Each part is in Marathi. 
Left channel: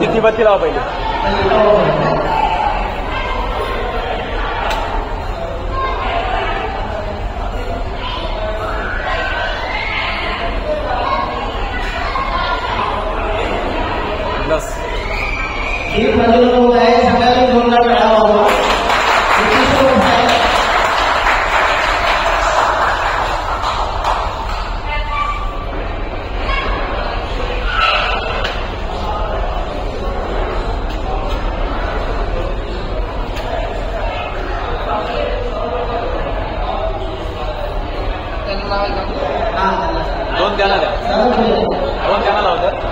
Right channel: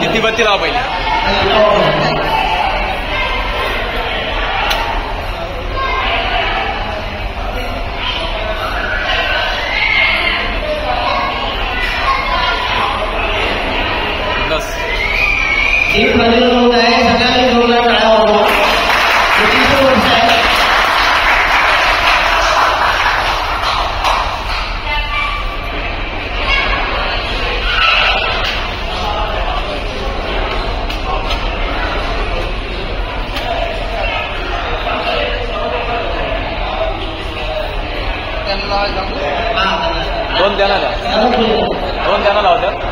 किती बत्ती लावा पहिले बस एक बाजूला होत आहे सगळ्यांनी जोरदार टाळ्या वाजवा. दोन गाणं लावतात.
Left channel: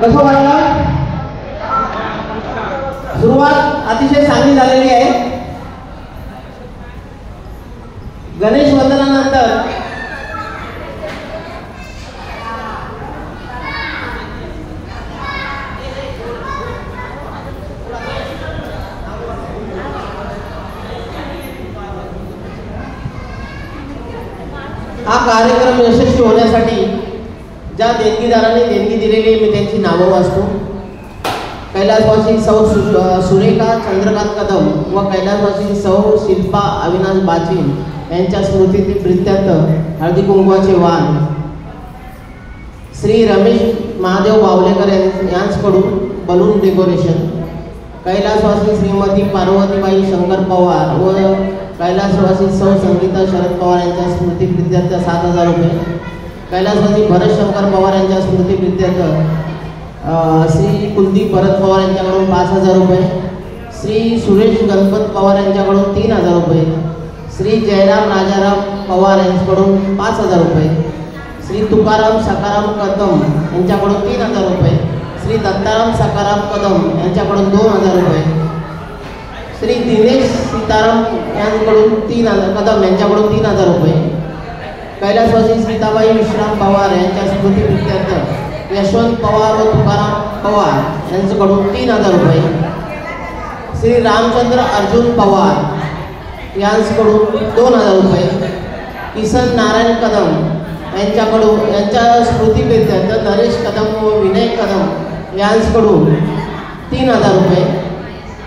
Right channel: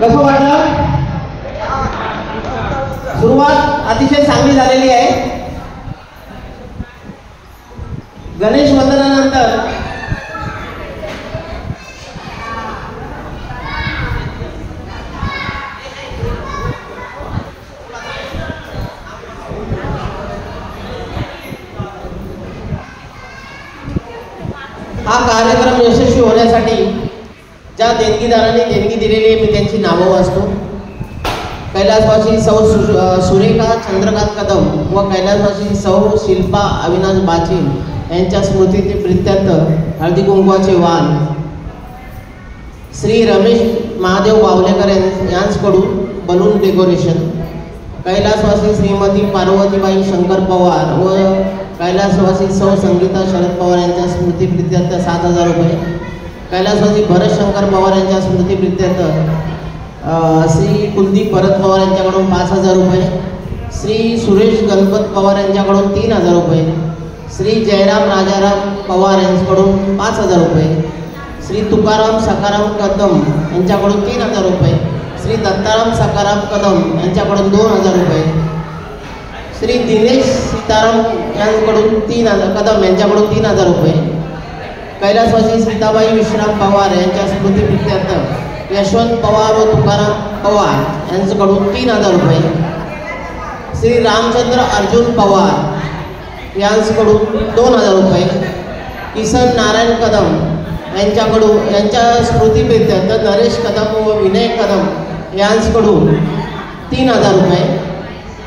कसं वाटलं? सुरुवात अतिशय चांगली झालेली आहे. गणेश वंदनानंतर देणगीदारांनी देणगी दिलेली मी त्यांची नावं वाचतो. कैलासवासी सौ सुरेखा चंद्रकांत कदम व कैलासवासी सौ शिल्पा अविनाश बाची यांच्या स्मृतीप्रित्यर्थ हळदी कुंकवाचे वाण श्री रमेश महादेव बावलेकर यांच्याकडून बलून डेकोरेशन. कैलासवासी श्रीमती पार्वतीबाई शंकर पवार व कैलासवासी सौ संगीता शरद पवार यांच्या स्मृतीप्रित्यर्थ 7,000 रुपये. कैलासवासी भरत शंकर पवार यांच्या स्मृतीप्रित्यर्थ श्री कुलदीप भरत पवार यांच्याकडून 5,000 रुपये. श्री सुरेश गणपत पवार यांच्याकडून 3,000 रुपये. श्री जयराम राजाराम पवार यांच्याकडून 5,000 रुपये. श्री तुकाराम सकाराम कदम यांच्याकडून 3,000 रुपये. श्री दत्ताराम सकाराम कदम यांच्याकडून 2,000 रुपये. श्री दिनेश सीताराम यांच्याकडून 3,000 कदम यांच्याकडून 3,000 रुपये. कैलासवासी सीताबाई विश्राम पवार यांच्या स्मृतीप्रित्यर्थ यशवंत पवार व तुकाराम पवार यांच्याकडून 3,000 रुपये. श्री रामचंद्र अर्जुन पवार यांच्याकडून 2,000 रुपये. किसन नारायण कदम यांच्या स्मृतीप्रित्यर्थ नरेश कदम व विनय कदम यांच्याकडून 3,000 रुपये.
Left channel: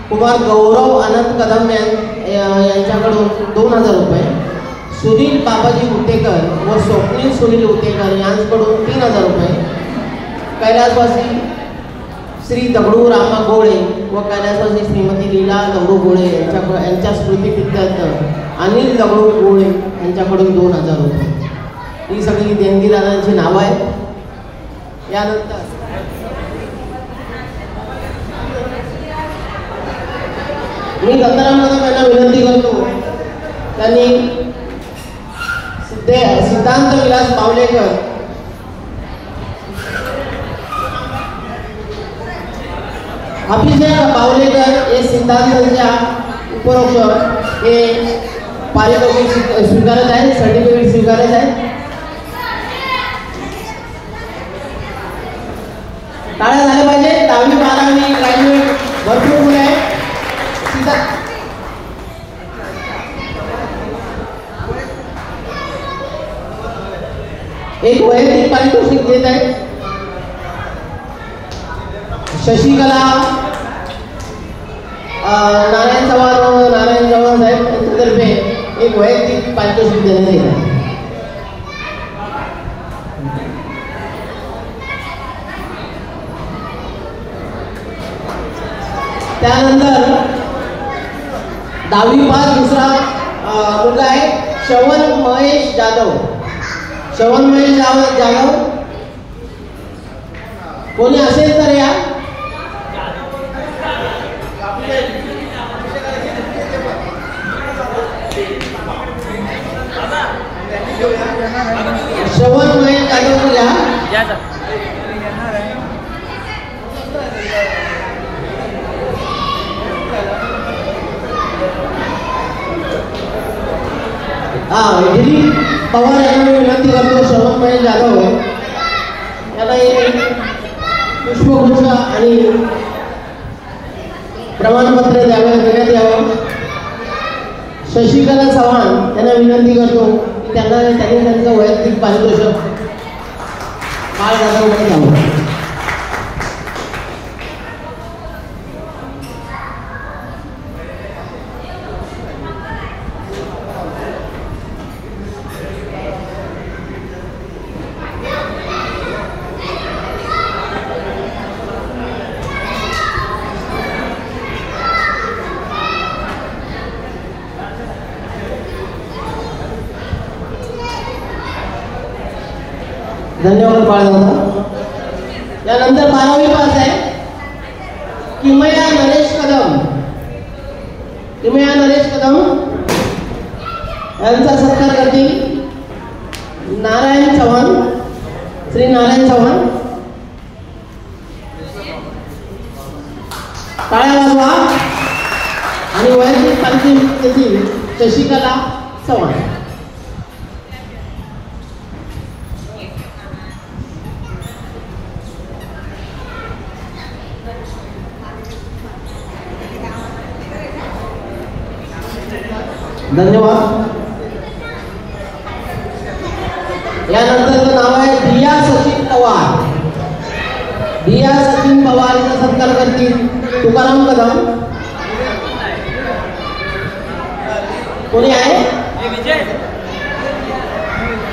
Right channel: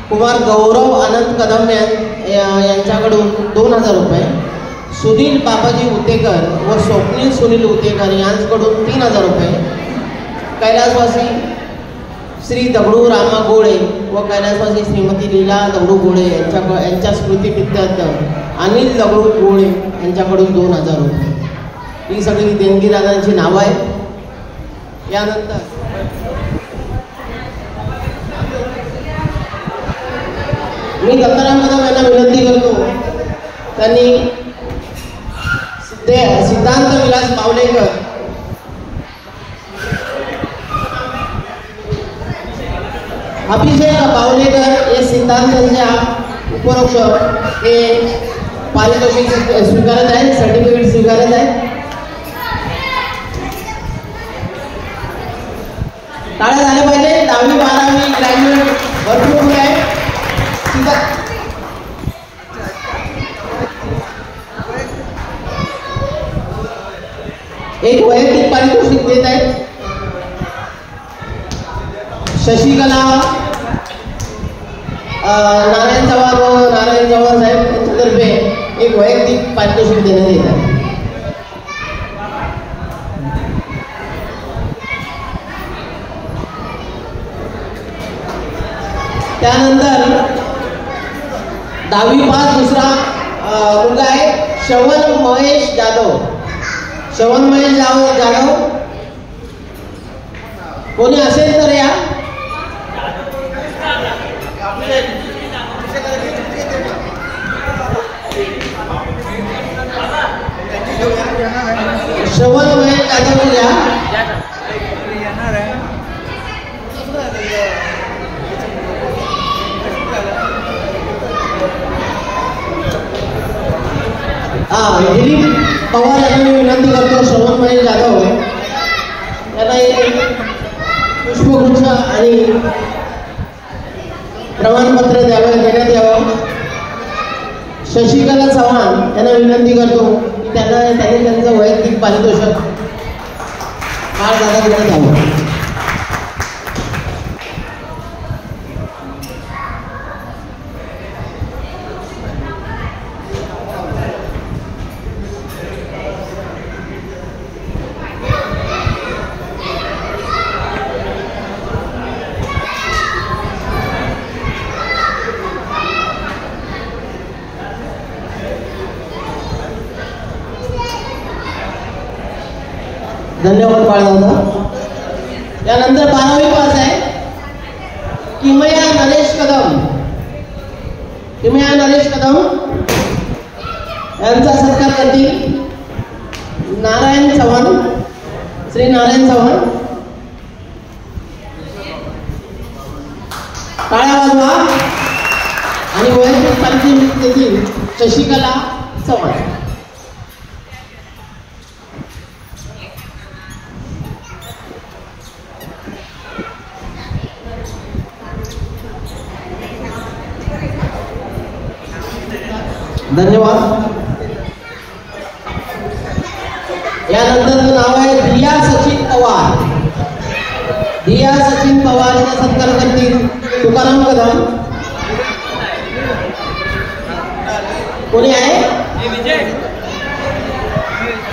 कुमार गौरव अनंत कदम यांच्याकडून 2,000 रुपये. सुनील बाबाजी उतेकर व स्वप्नील सुनील उतेकर यांच्याकडून 3,000 रुपये. कैलासवासी श्री दगडू रामा गोळे व कैलासवासी श्रीमती लीला दगडू गोळे यांच्या स्मृतीप्रित्यर्थ अनिल दगडू गोळे यांच्याकडून 2,000 रुपये. ही सगळी देणगीदारांची नावं आहेत. यानंतर मी दत्ताराम कदम यांना विनंती करतो त्यांनी सिद्धांत विलास बावलेकर अभिषेक बावलेकर हे सिद्धांतांच्या उपरक्षक हे पारितोषिक स्वीकारत आहेत, सर्टिफिकेट स्वीकारत आहेत. टाळ्या झाल्या पाहिजे. 10वी 12वी ग्रॅज्युएट भरपूर मुले आहेत. एक वैयक्तिक पारितोषिक देत आहेत. शशिकला नारायण चव्हाण व नारायण चव्हाण साहेब यांच्यातर्फे एक वैयक्तिक पारितोषिक देण्यात येत आहे. त्यानंतर 10वी पास दुसरा मुलगा आहे श्रवण महेश जाधव. श्रवण महेश जाधव कोणी असेल तर या. श्रवण महेश जाधव या. दिलीप पवार यांना विनंती करतो. श्रवण महेश जाधव याला पुष्पगुच्छ आणि प्रमाणपत्र देण्यात यावं. शशिकला चव्हाण यांना विनंती करतो की त्यांनी त्यांचं वैयक्तिक पारितोषिक बाळदादांकडे द्यावं. धन्यवाद बाळदादा. यानंतर 12वी पास आहे किमया नरेश कदम. किमया नरेश कदम यांचा सत्कार करतील नारायण चव्हाण, श्री नारायण चव्हाण. टाळ्या वाजवा. आणि वैयक्तिक पारितोषिक देतील शशिकला चव्हाण. धन्यवाद. यानंतर नाव आहे प्रिया सचिन पवार. दिया सचिन पवार यांचा सत्कार करतील तुकाराम कदम. कोणी आहे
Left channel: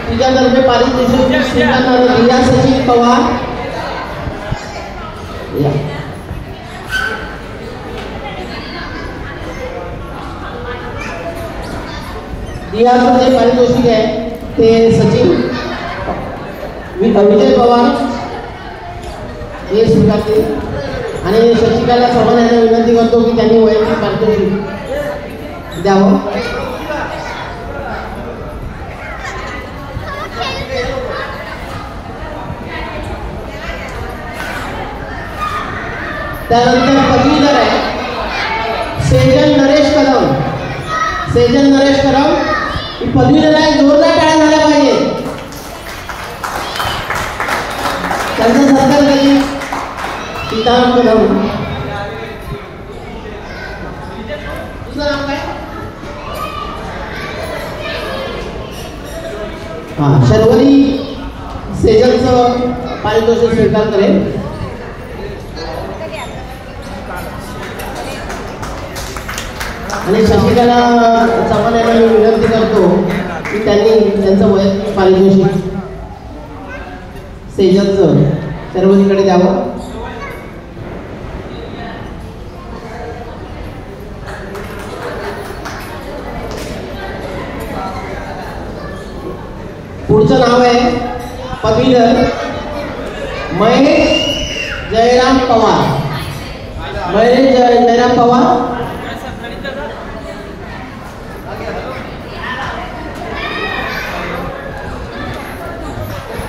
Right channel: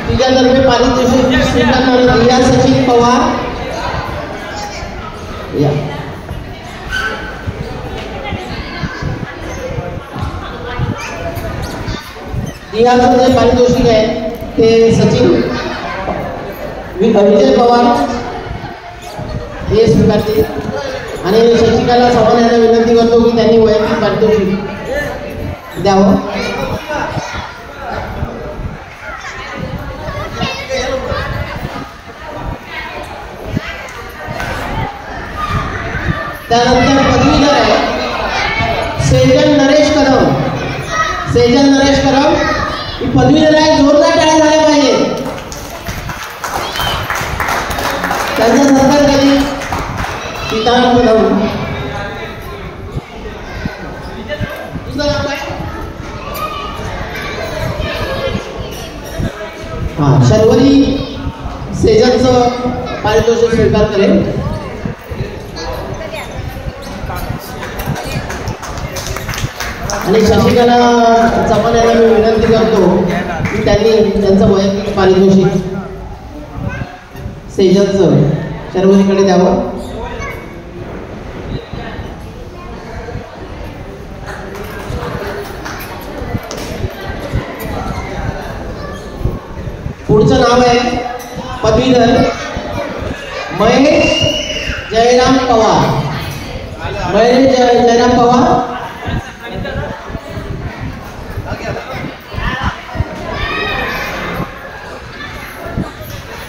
तुझ्यातर्फे पारितोषिक स्वीकारणारे दिया सचिन पवार या. दियाचं जे पारितोषिक आहे ते सचिन विजय पवार हे स्वीकारतील आणि शशिकाला सामान्यांना विनंती करतो की त्यांनी वैयक्तिक पारितोषिक द्यावं. त्यानंतर पदवीधर आहे सेजल नरेश कदम. सेजल नरेश कदम ही पदवीधर आहे. जोरदार टाळ्या झाल्या पाहिजे. त्यांचा सत्कार केली सीताराम कदम. तुझं नाव काय? हा शर्वरी सेजलचं पारितोषिक स्वीकार करेल. आणि शशिकाला चव्हाण यांना विनंती करतो की त्यांनी त्यांचं वैयक्तिक पारितोषिक सेजलचं शर्वरीकडे द्यावं. पुढचं नाव आहे पदवीधर महेश जयराम पवार. महेश जयराम पवार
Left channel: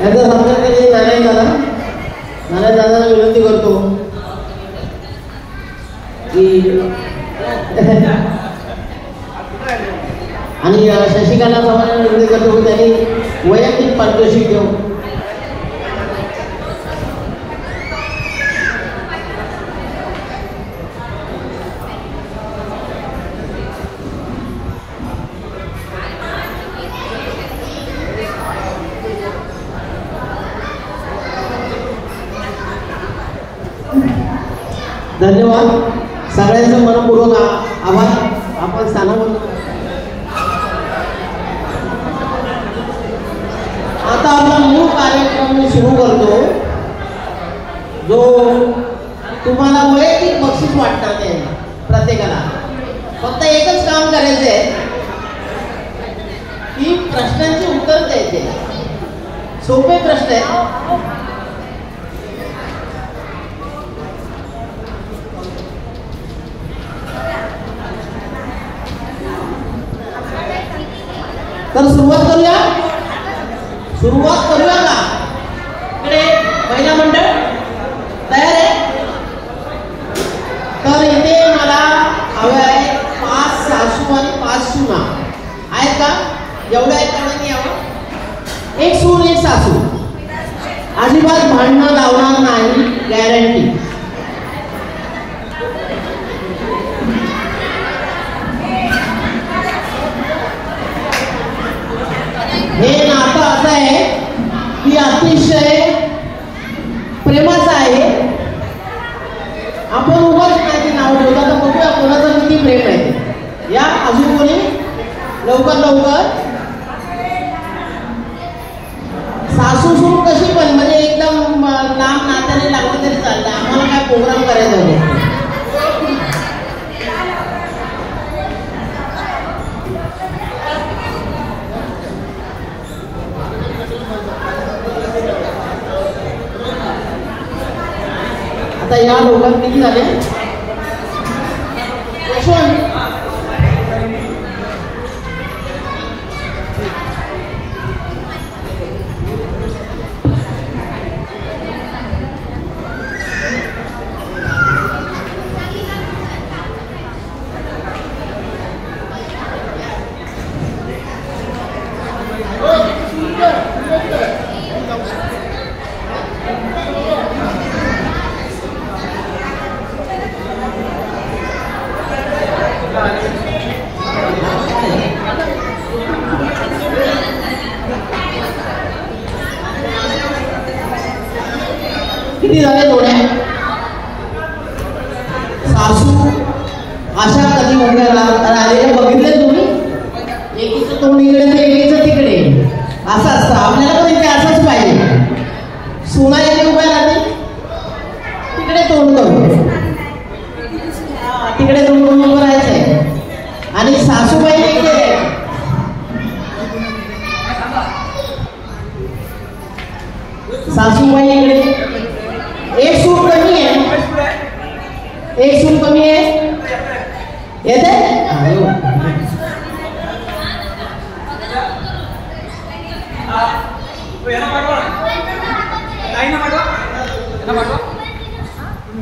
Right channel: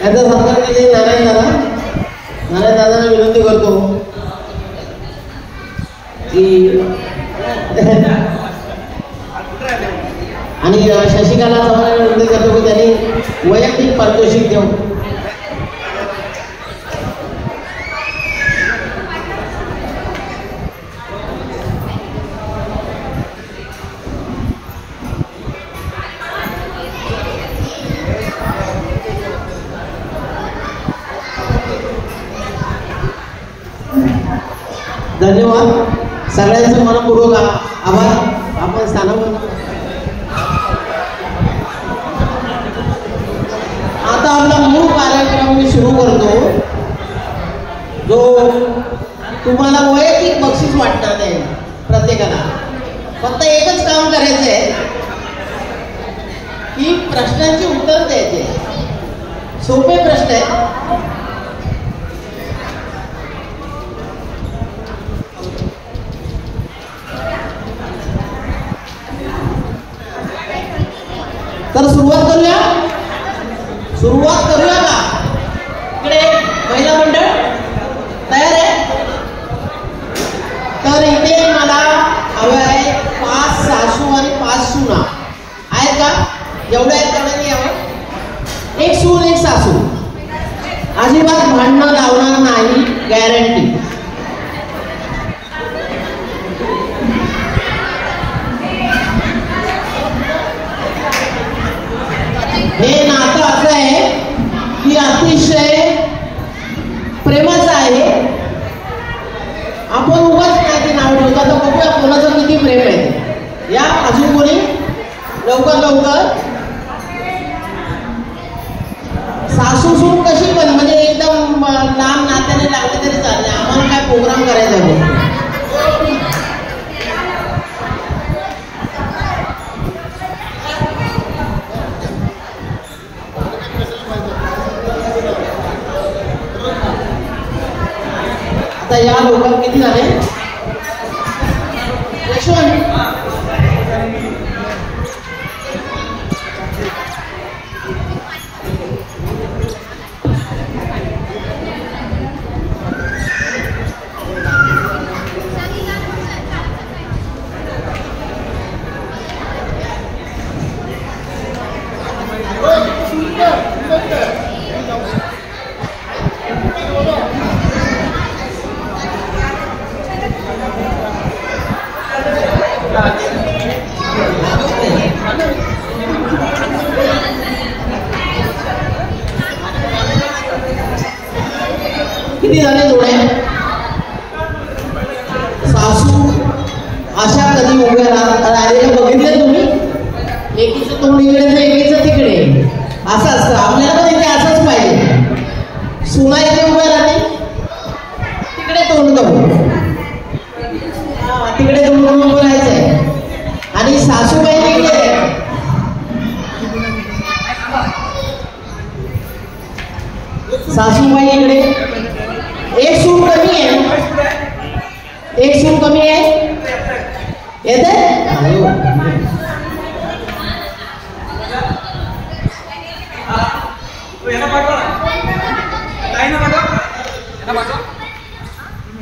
याचा सत्कार केले नारायण दादा. नारायण दादांना विनंती करतो की आणि शशिकाला चव्हाणांना विनंती करतो की त्यांनी वैयक्तिक पारितोषिक देऊ. धन्यवाद. सगळ्यांचं मनपूर्वक आभार. आपण स्थानावर आता आपला मूळ कार्यक्रम मी सुरू करतो जो तुम्हाला वैयक्तिक बक्षीस वाटणार नाही. प्रत्येकाला फक्त एकच काम करायचं आहे की प्रश्नांची उत्तर द्यायचे. सोपे प्रश्न आहेत. तर सुरुवात करूया का? इकडे महिला मंडळ तयार आहे. तर इथे मला हवे आहे 5 सासू आणि 5 सुना आहेत का? एवढ्या आहेत तेवढ्या यावं. एक सून एक सासू अजिबात भांडणं लावणार नाही, गॅरंटी. हे नातं असं आहे की अतिशय प्रेमाचं आहे. आपण उगाच त्याचे नाव ठेवतो. आता बघूया कोणाचं किती प्रेम आहे. या अजून कोणी लवकर सासू सून कशी पण म्हणजे एकदम लांब नात्याने लागले तरी चालले. आम्हाला काय प्रोग्राम करायचा आहे. या लोकांना किती झाले? किती झाले जोड्या? तोंड इकडे इकडेच तिकडे असं असतं. आपल्याला पण इथे असंच पाहिजे. सुना इथे उभा राहते तिकडे तोंड करून तिकडे तोंड करून उभं राहायचंय. आणि सासूबाई इकडे सासूबाई इकडे. एक सूर कमी आहे, एक सूर कमी आहे येते.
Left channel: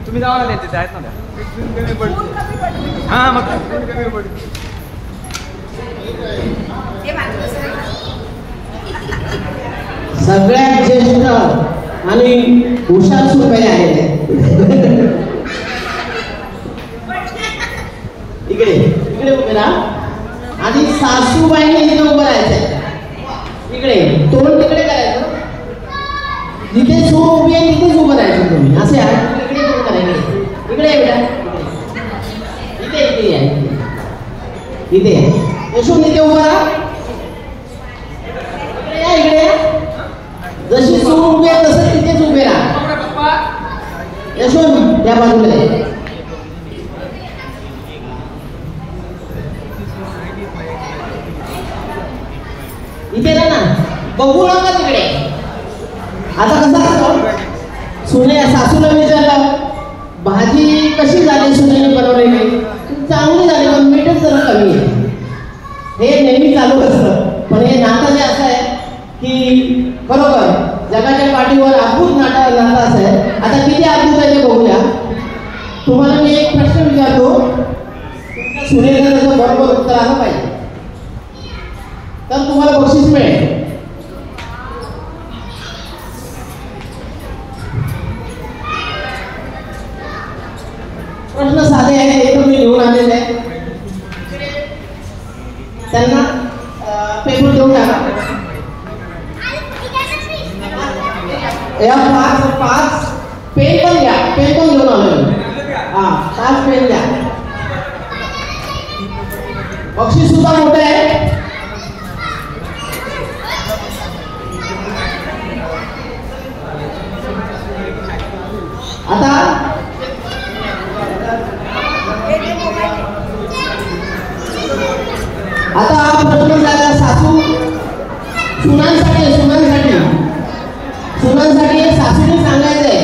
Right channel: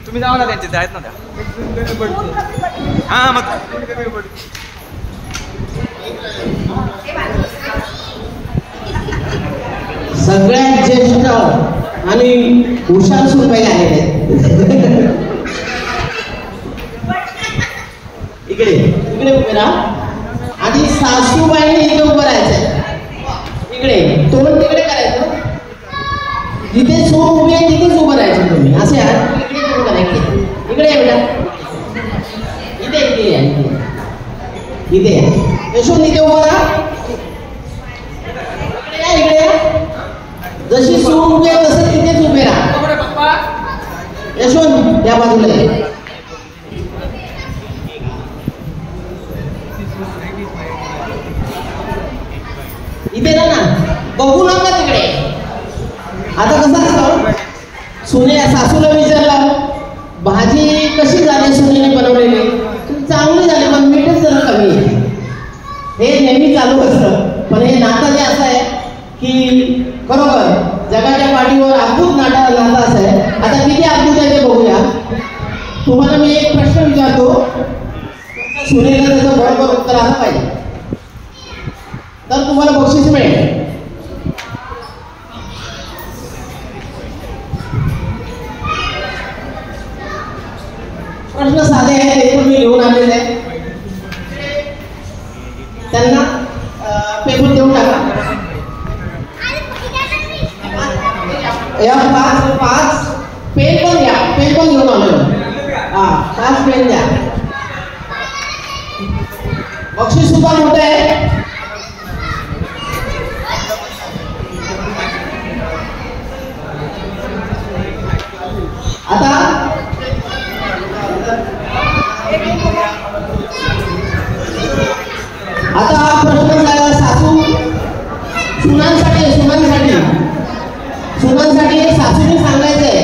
तुम्ही जावा ना त्यांचे आहेत ना. हां मग सगळ्यात ज्येष्ठ आणि हुशार सुपाई आहेत. इकडे इकडे उभे राहा आणि सासूबाईने इथे उभं राहायचंय. इकडे तोंड तिकडे करायचं. जिथे सून उभी आहे तिथेच उभं राहायचं तुम्ही. असे इकडे उभं करायचं. इकडे एवढा इथे इथे या इथे यशवंत इथे उभं राहा. इकडे जशी सून उभी आहे तसं तिथेच उभे राहा. यशवंत त्या बाजूला इथे ना बघू नका तिकडे. आता कसं असतं सुने सासूला विचारलं भाजी कशी झाली सुनेने बनवलेली, चांगली झाली पण मीठच जरा कमी आहे. हे नेहमी चालू असतं. पण हे नातं जे असं आहे की बरोबर जगाच्या पाठीवर अद्भुत नातं असं आहे. आता किती अद्भुत आहे ते बघूया. तुम्हाला मी एक प्रश्न विचारतो, सुनेला त्याचं बरोबर उत्तर आलं पाहिजे तर तुम्हाला बक्षीस मिळेल. प्रश्न साधे आहेत, ते पण मी लिहून आलेले आहेत. त्यांना पेपर देऊन टाका. या पाच पेन पण द्या. पेन पण घेऊन आलो. हा 5 पेन द्या. बक्षीस सुद्धा मोठं आहे. आता आता प्रश्न झाला सासू सुनांसाठी सासूने सांगायचंय.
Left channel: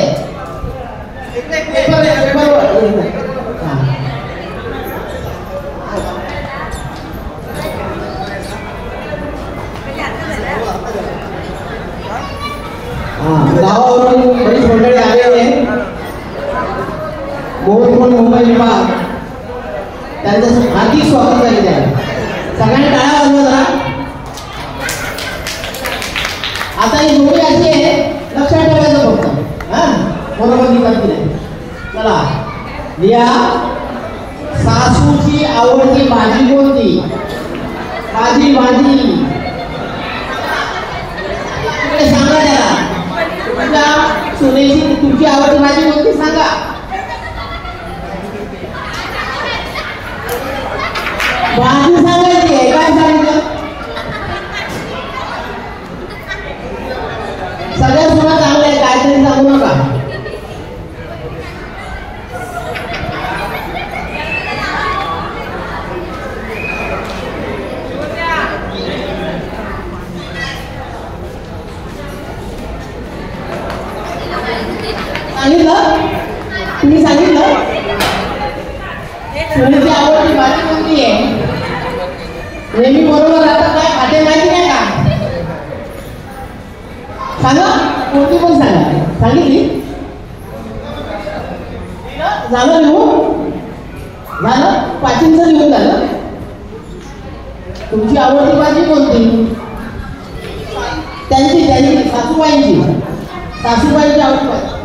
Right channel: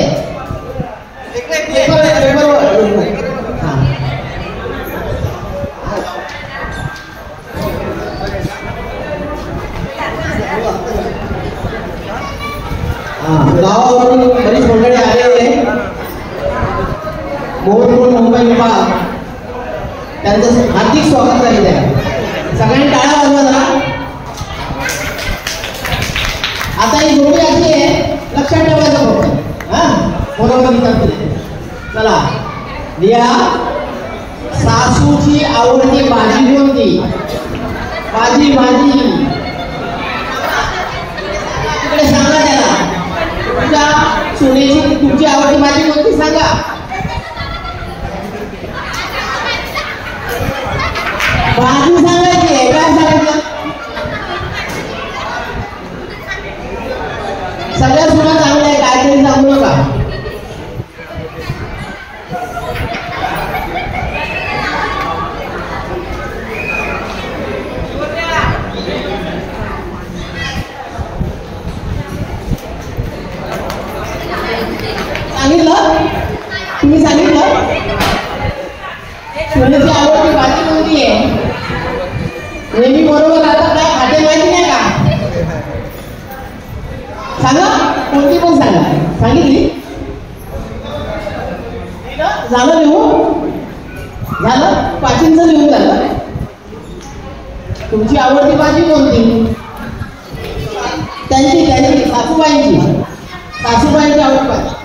गावावरून बरीच मंडळी आलेली मोहन मुंबई विभाग त्यांचं हार्दिक स्वागत करीत आहे. सगळ्यांनी टाळ्या वाजवा जरा. आता ही जोडी अशी आहे, लक्षात ठेवायचं फक्त. हा बरोबर करते. चला लिहा. सासूची आवडती भाजी कोणती? भाजी तिकडे सांगा त्याला. तुझ्या सुनेची तुझी आवडती भाजी कोणती सांगा. भाजी सांगायची आहे. काय सांगायचं? सगळ्या सुना चांगल्या आहे, काहीतरी सांगू नका. सांगितलं? तुम्ही सांगितलं? सुनेची आवडती भाजी कोणती आहे? नेहमी बरोबर आता काय खाते माहिती नाही का? सांगा. कोणती पण सांगा. सांगितली? झालं लिहून? झालं? पाचींचं लिहून झालं. तुमची आवडती भाजी कोणती? त्यांची सासूबाईंची आवडती भाजी.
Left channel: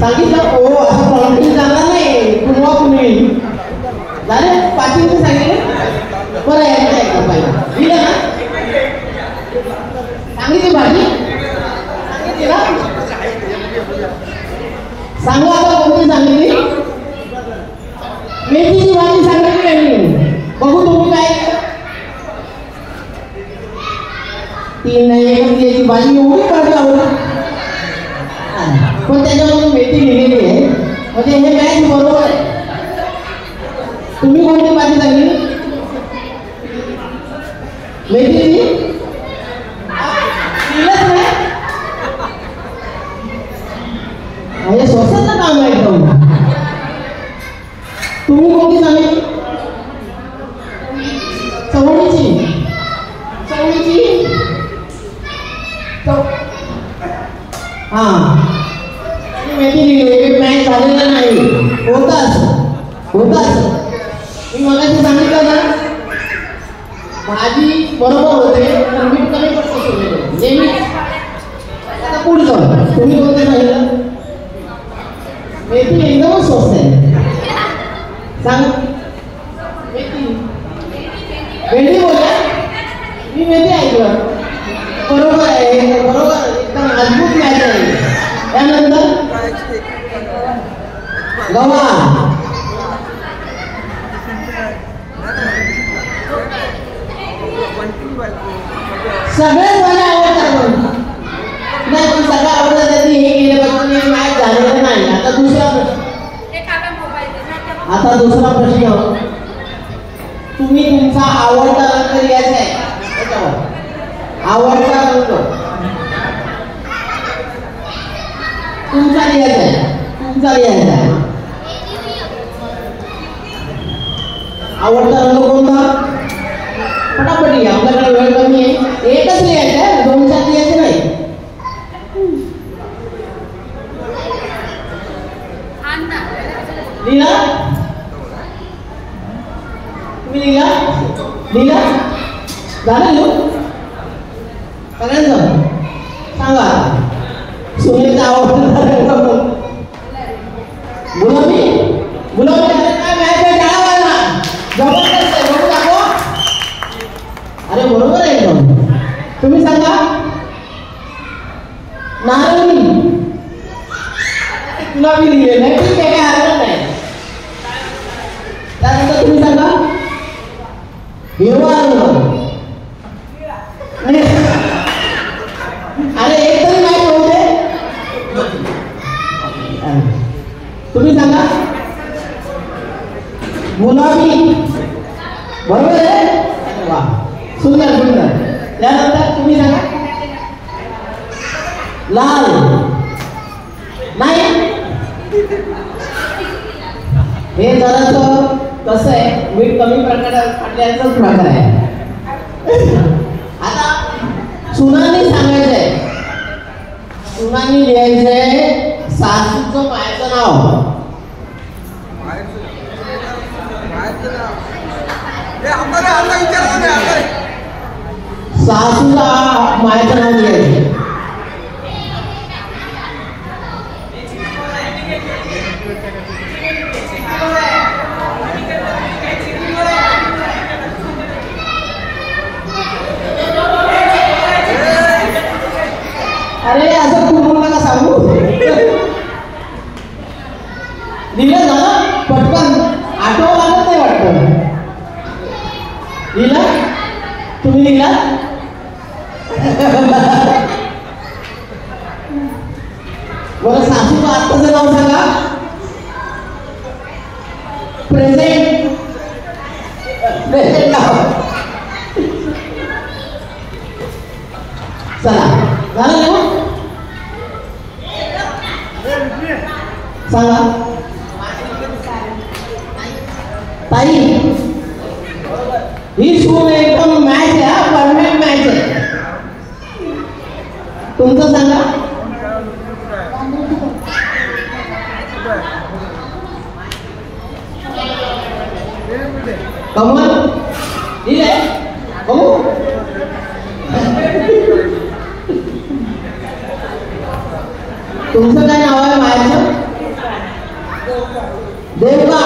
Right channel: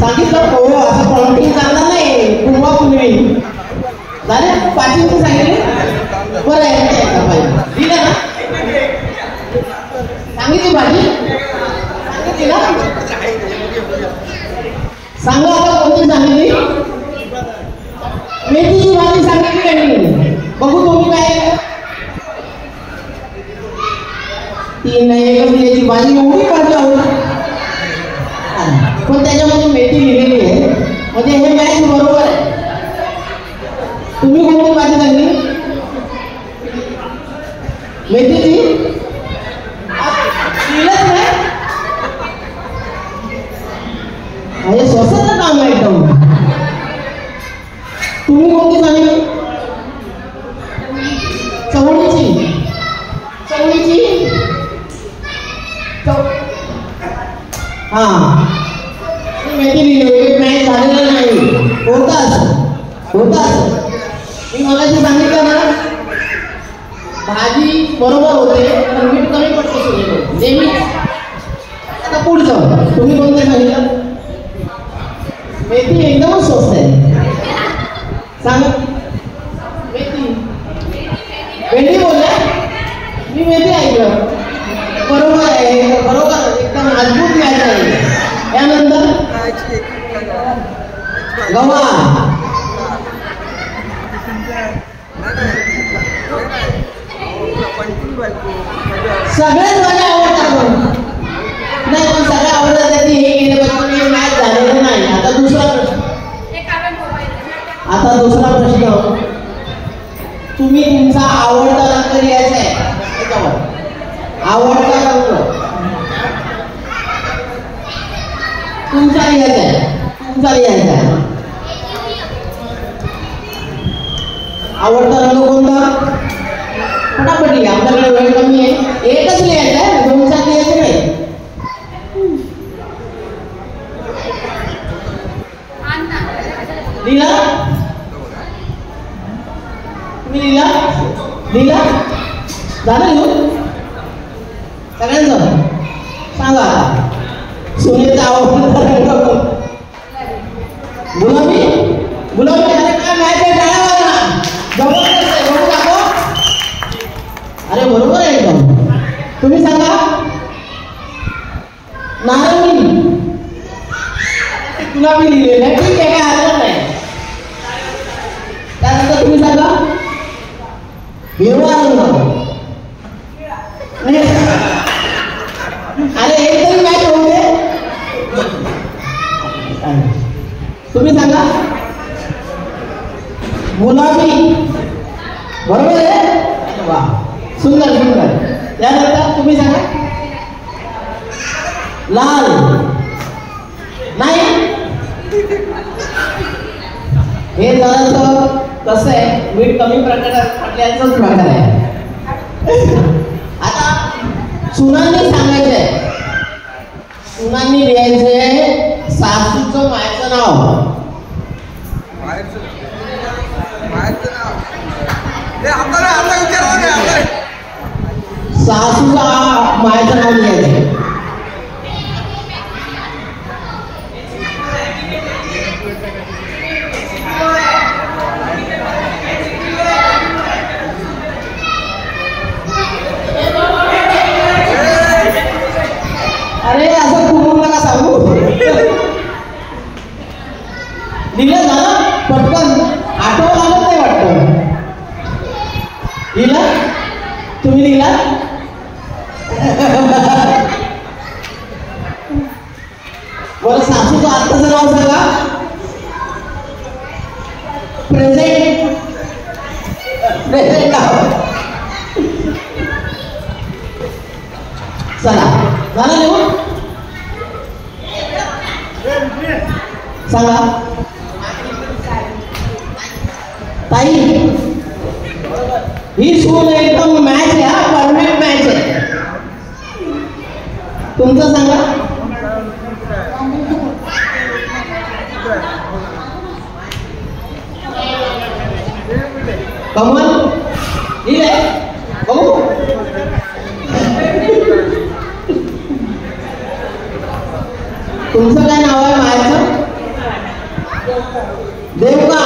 सांगितलं हो असं पॉलिटिक्स चालणार नाही. तुम्हाला मिळेल झालं. पाचींचं सांगितलं बरं आहे पाहिजे दिलं ना. सांगितली भाजी सांगितली ना. सांगा आता कोणती तुम्ही कोणती सांगितली? चवळीची. चवळीची हा मेथी लिहिली. मॅच झालेला नाही. होताच मी मगाशी सांगितलं ना, भाजी बरोबर होते पण मीठ कमी पडतो नेहमी. आता पुढचं तुम्ही कोणतं सांगितलं? मेथी एकदम स्वस्त आहे. सांगा. मेथी भेंडी बोलल्या. मी मेथी ऐकलं. बरोबर आहे. बरोबर एकदम मजबूत मॅच आहे. त्यानंतर गव्हा. सगळ्यात मला आवडतात पण नाही, पण सगळ्या आवडतात त्याची हे गेले पाहिजे. मॅच झालेलं नाही. आता दुसरा प्रश्न. तुम्ही तुमचा आवडता रंग लिहायचा आहे. आवडता रंग तुमचा लिहायचा आहे. आवडता रंग कोणता? फटाफट लिहा. आपल्याकडे वेळ कमी आहे. एकच लिहायचं आहे, 2-4 लिहायचं नाही. लिहिला? तुम्ही लिहिला झालं सगळ्यांचं? सांगा. सूर्याचा आवडता रंग गुलाबी. काय माहिती आहे? जबरदस्त आहे. बरोबर दाखव. अरे बरोबर आहे एकदम. तुम्ही सांगा. नारंगी. गुलाबी लिहिलेलं आहे. ठीक आहे, काय हरकत नाही. त्यानंतर तुम्ही सांगा. हिरवा रंग. अरे एकदम मॅच होते. तुम्ही सांगा. गुलाबी. बरोबर आहे. वा, सुंदर. त्यानंतर तुम्ही सांगा. लाल. नाही, हे जरासं कसं आहे, मीठ कमी प्रकारात प्रकार आहे. आता सुनाने सांगायचंय. सुनाने लिहायचंय सासूचं मायचं नाव. सासूला मायचं नाव लिहायचं. अरे असं पूर्ण नका सांगू. लिहिलं ना पटकन. आठवण आलं नाही वाटतं. लिहिला? तुम्ही लिहिला? मला सासूचं आत्ताचं नाव सांगा. प्रेझेंट नाव. चला झालं लिहून? सांगा. ताई ही सून एकदम मॅच आहे. परफेक्ट मॅच आहे. तुमचं सांगा. कमल ठीक आहे. हो तुमचं काय नाव आहे मायाचं? देवका.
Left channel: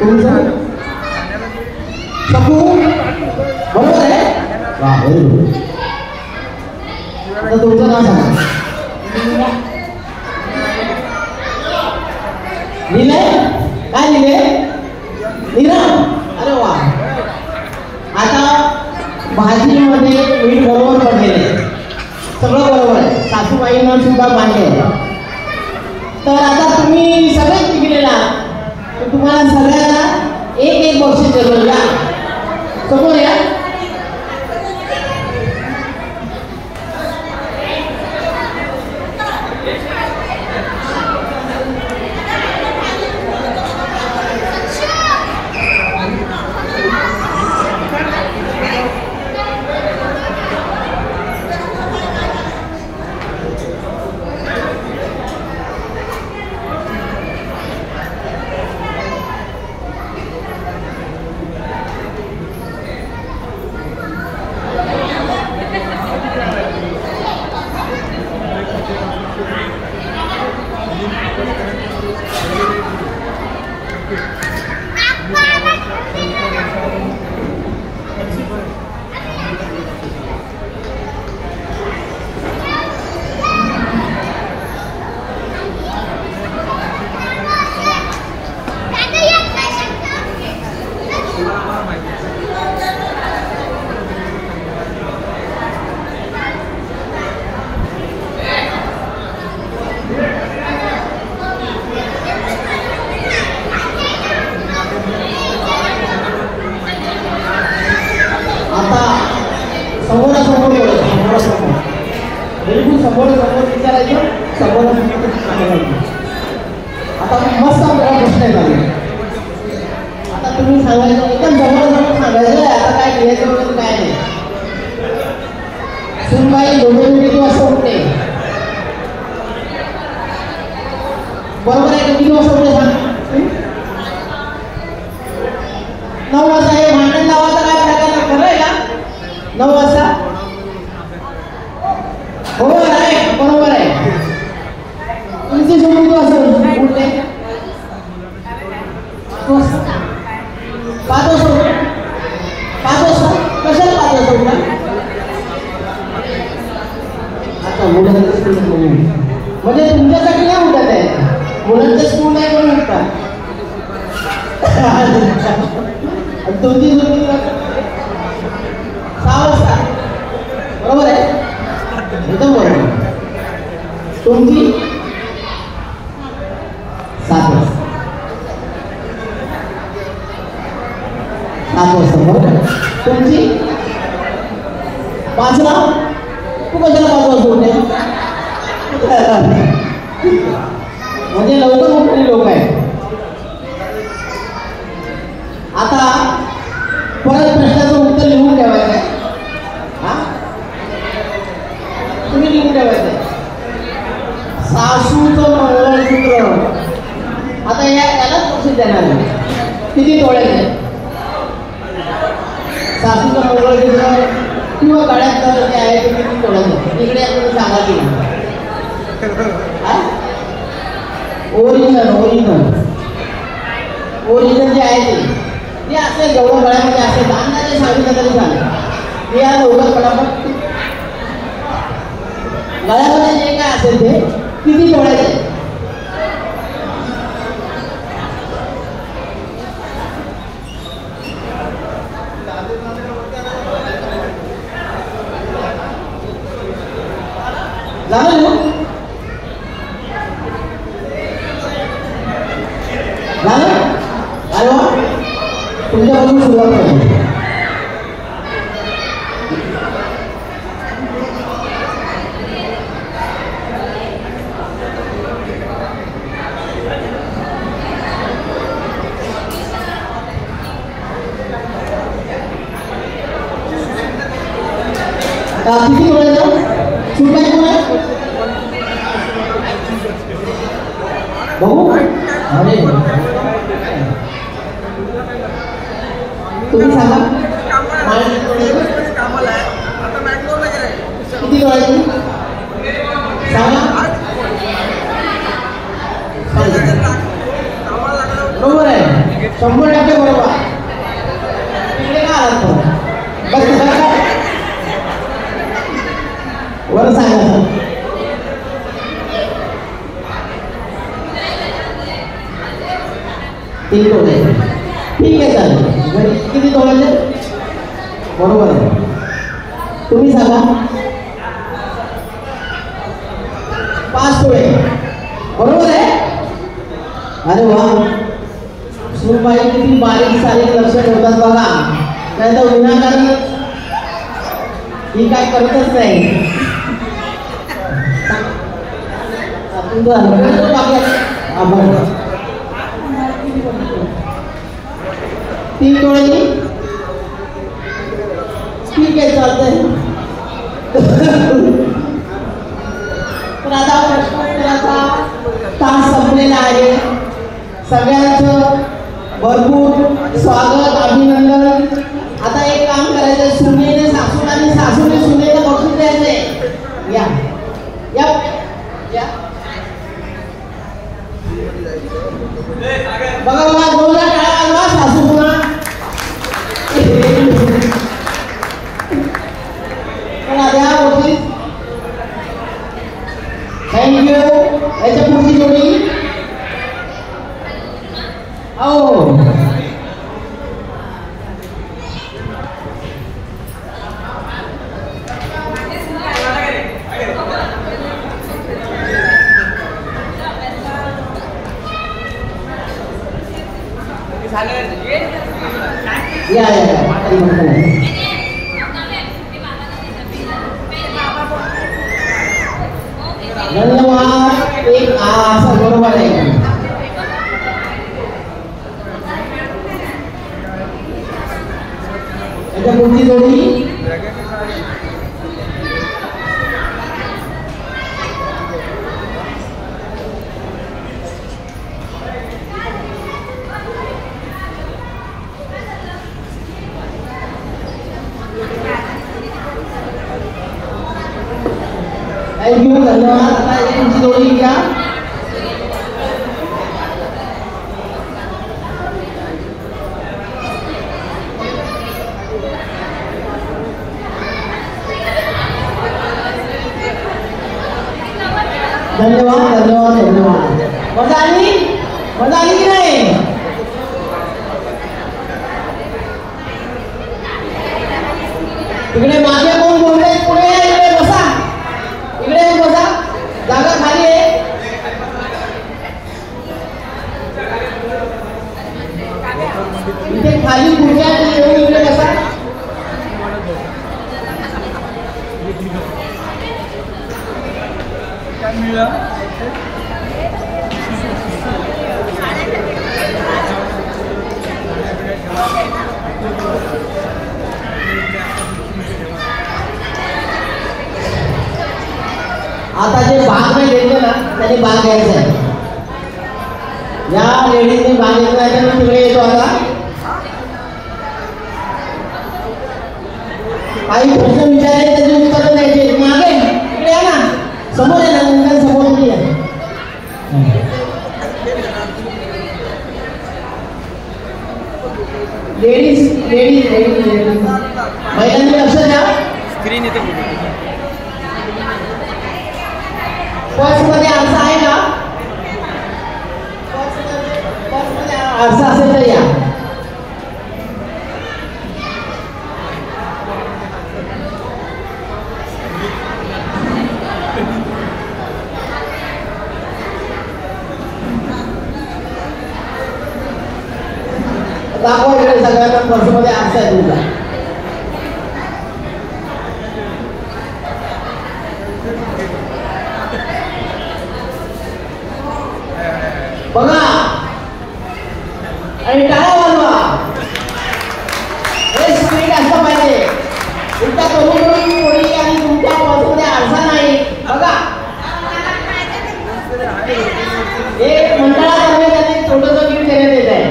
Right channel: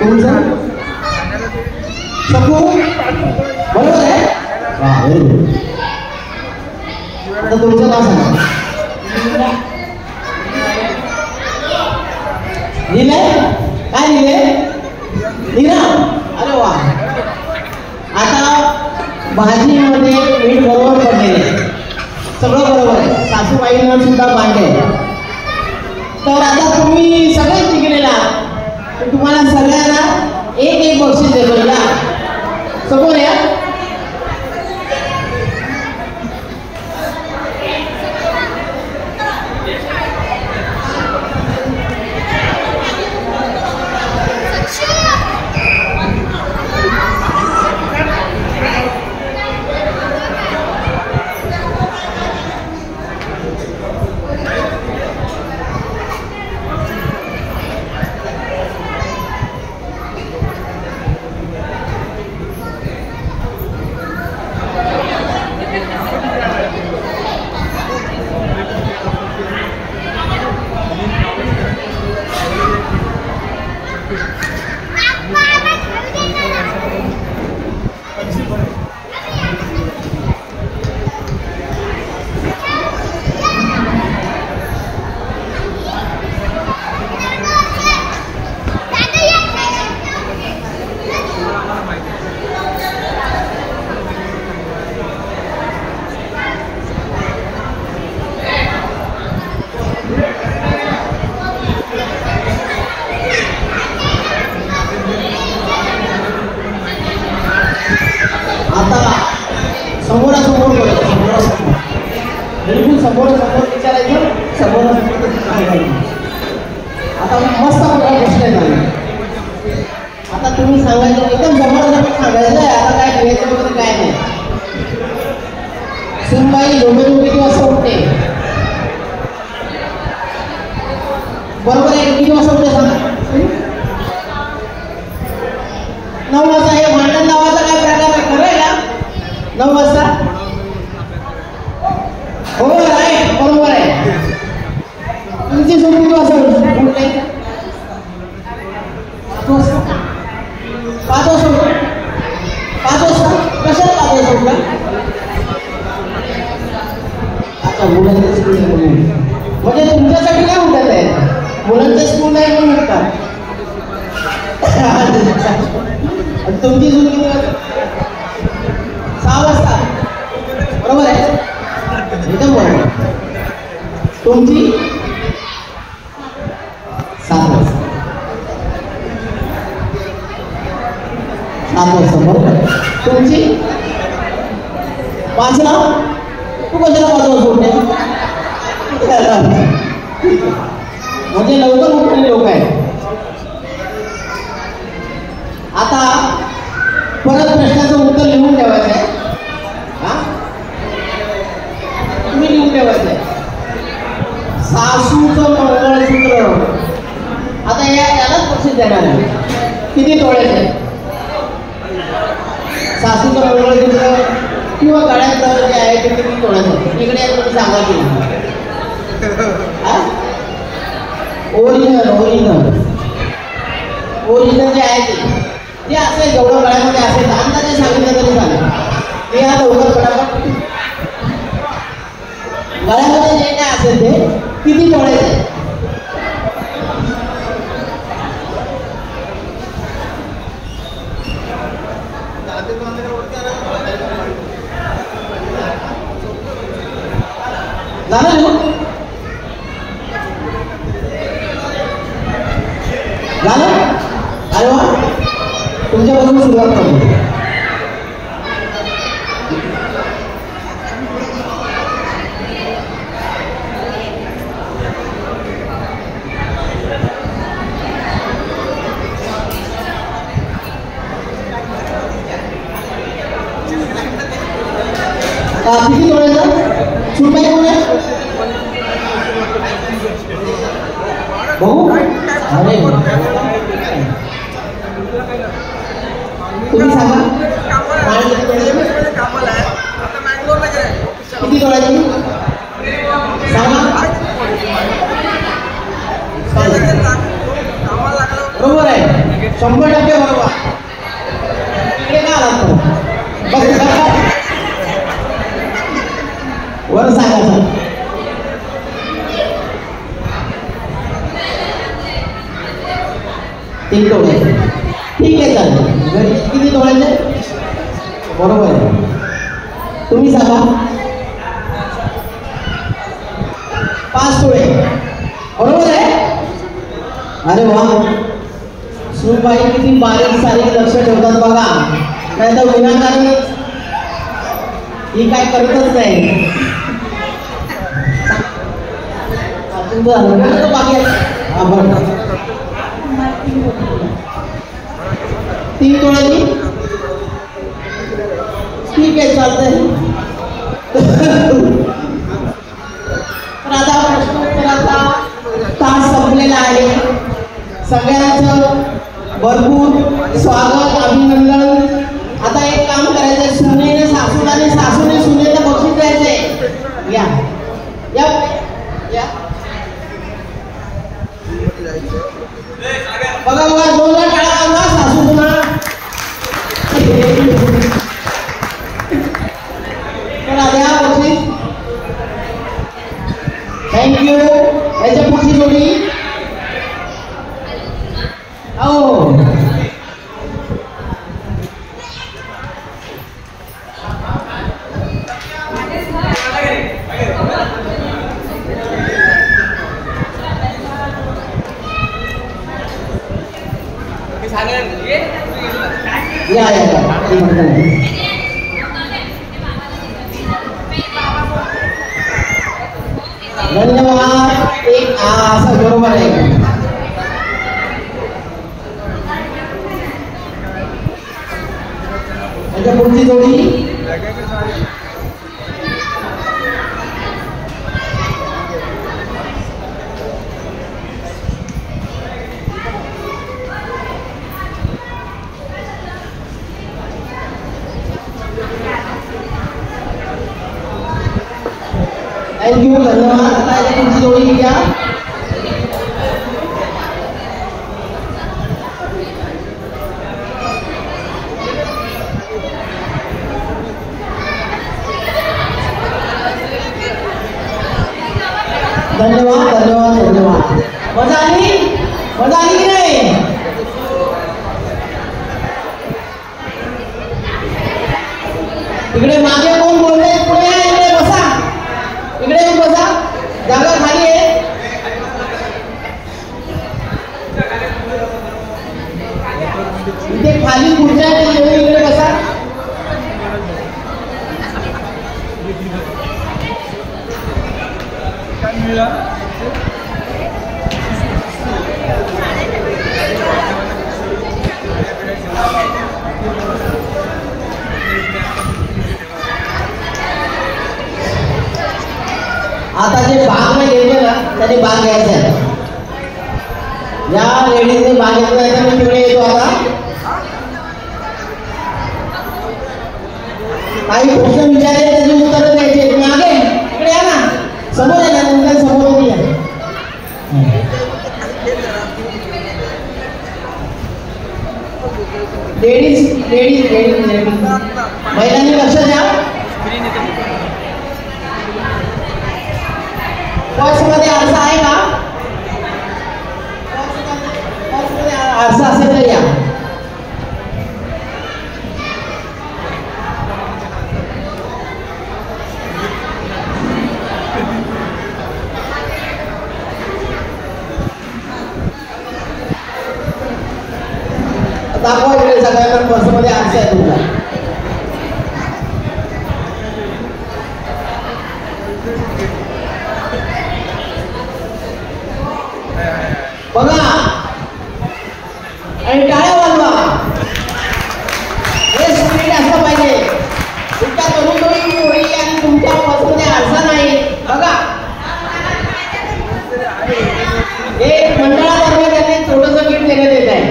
तुमचं शकू. बरोबर आहे. तुमचं नाव सांगा. लिहिले? काय लिहिले? नीरा. अरे वा. आता भाजीमध्ये मीठ बरोबर पडलेले, सगळं बरोबर आहे. सासूबाईंना सुद्धा मांडले. तर आता तुम्ही सगळेच शिकलेला, तुम्हाला सगळ्यांना एक बक्षीस देतो. या समोर या. तुम्ही सांगायचं एकदम जबरदस्त सांगायचं आता काय करायचं वगैरे काय नाही. सुनबाई झोपेतून किती वाजता उठते? बरोबर आहे. किती वाजता उठते सांग? 9 वाजता. हे भांडण लावायचा काय प्रकार आहे? खरं आहे का? 9 वाजता हो आहे, बरोबर आहे. तुमची झोप किती वाजता उठते? 5 वाजता. 5 वाजता कशाला 5 वाजता उठला? अच्छा, मुलांचं स्कूल म्हणजे तुमच्यासाठी काय उठत आहे? मुलांचं स्कूल आहे म्हणून उठतात. तुमची झोप किती वाजता? 6 वाजता. बरोबर आहे, एकदम बरोबर. तुमची 7 वाजता. 7 वाजता बरोबर. तुमची 5 ला. तू कशाला 5 वाजता उठते? म्हणजे लवकर उठलेले लोक आहेत. आता परत प्रश्नाचं उत्तर लिहून ठेवायचं आहे. तुम्ही लिहून ठेवायचं आहे. सासूचं मंगळसूत्र. आता यालाच बक्षीस देणार आहे. किती तोळ्याचे? सासूचं मंगळसूत्र किंवा गळ्यातलं जे आहे ते किती तोळ्याचं? इकडे आपण सांगा की ओरिजिनल ओरिजिनल जे आहे ते असेल, जेवढं गळ्यामध्ये असेल अंदाजे सांगितलं तरी सांगा. हे आता उगाच पटापट गळ्यामध्ये जे काय असेल ते किती तोळ्याचे? झालं झालं. अरे वा, तुमच्यापासून सुरुवात करतो. किती वेळेचं सूट काय कोण आहे भाऊ? अरे तुम्ही सांगा किती वेळेचं सांगा. बरोबर आहे, 100% बरोबर. इकडे काय आलं बस वर सांगा. तीन तोळे. ठीक आहे, चालेल. किती तोळ्याचे? बरोबर आहे. तुम्ही सांगा. 5 तोळे. बरोबर आहे. अरे वा, सुनबाई किती बारीक सारीक लक्ष ठेवतात बघा. नाही तर विनाकारण ही काय करतच नाही. तीन तोळ्याची. ठीक आहे, चालतंय. राजा प्रश्नोत्तराचा तास संपलेला आहे. सगळ्यांचं भरपूर स्वागत, अभिनंदन. आता एक काम करायचंय, सुनेने सासूला आणि सासूने सुनेला बक्षीस द्यायचंय. या या या बघा बघा. या धन्यवाद. एक असं बरोबर आहे. पुढची जोडी थँक्यू. धन्यवाद. आता पुढची जोडी घ्या. धन्यवाद धन्यवाद धन्यवाद. मजा आली की नाही? इकडे मागे कोण बोलले? पुढे या, इकडे बसा. इकडे येऊन बसा. जागा खाली आहे. इथे खाली खुर्च्या येऊन इकडे बसा. आता जे भाग नाही घेतले ना त्याने भाग घ्यायचा आहे. या लेडीजने भाग घेतला आहे तर तिकडे येतो. आता काही प्रश्न विचारले त्याची उत्तरं द्यायचे. मागे इकडे या ना. समोर आहे ना. नंतर समोर नाही आहे. लेडीज लेडीज लेडीज लेडीज महिलांनी लक्ष द्या. स्क्रीन येते. बॉक्समध्ये आरसा आहे का? बॉक्समध्ये आरसा असेल तर या. दाखवा इकडे सगळ्यांना. बॉक्समध्ये आरसा आहे तुमचा. बघा आणि टाळ्या वाजवा. हे सगळे असं पाहिजे. तुमच्या तरुणी मुली आणि तुमच्या बसमध्ये आरसा नाही. बघा एक मंडळातर्फे त्यांनी छोटंसं गिफ्ट देण्यात येत आहे.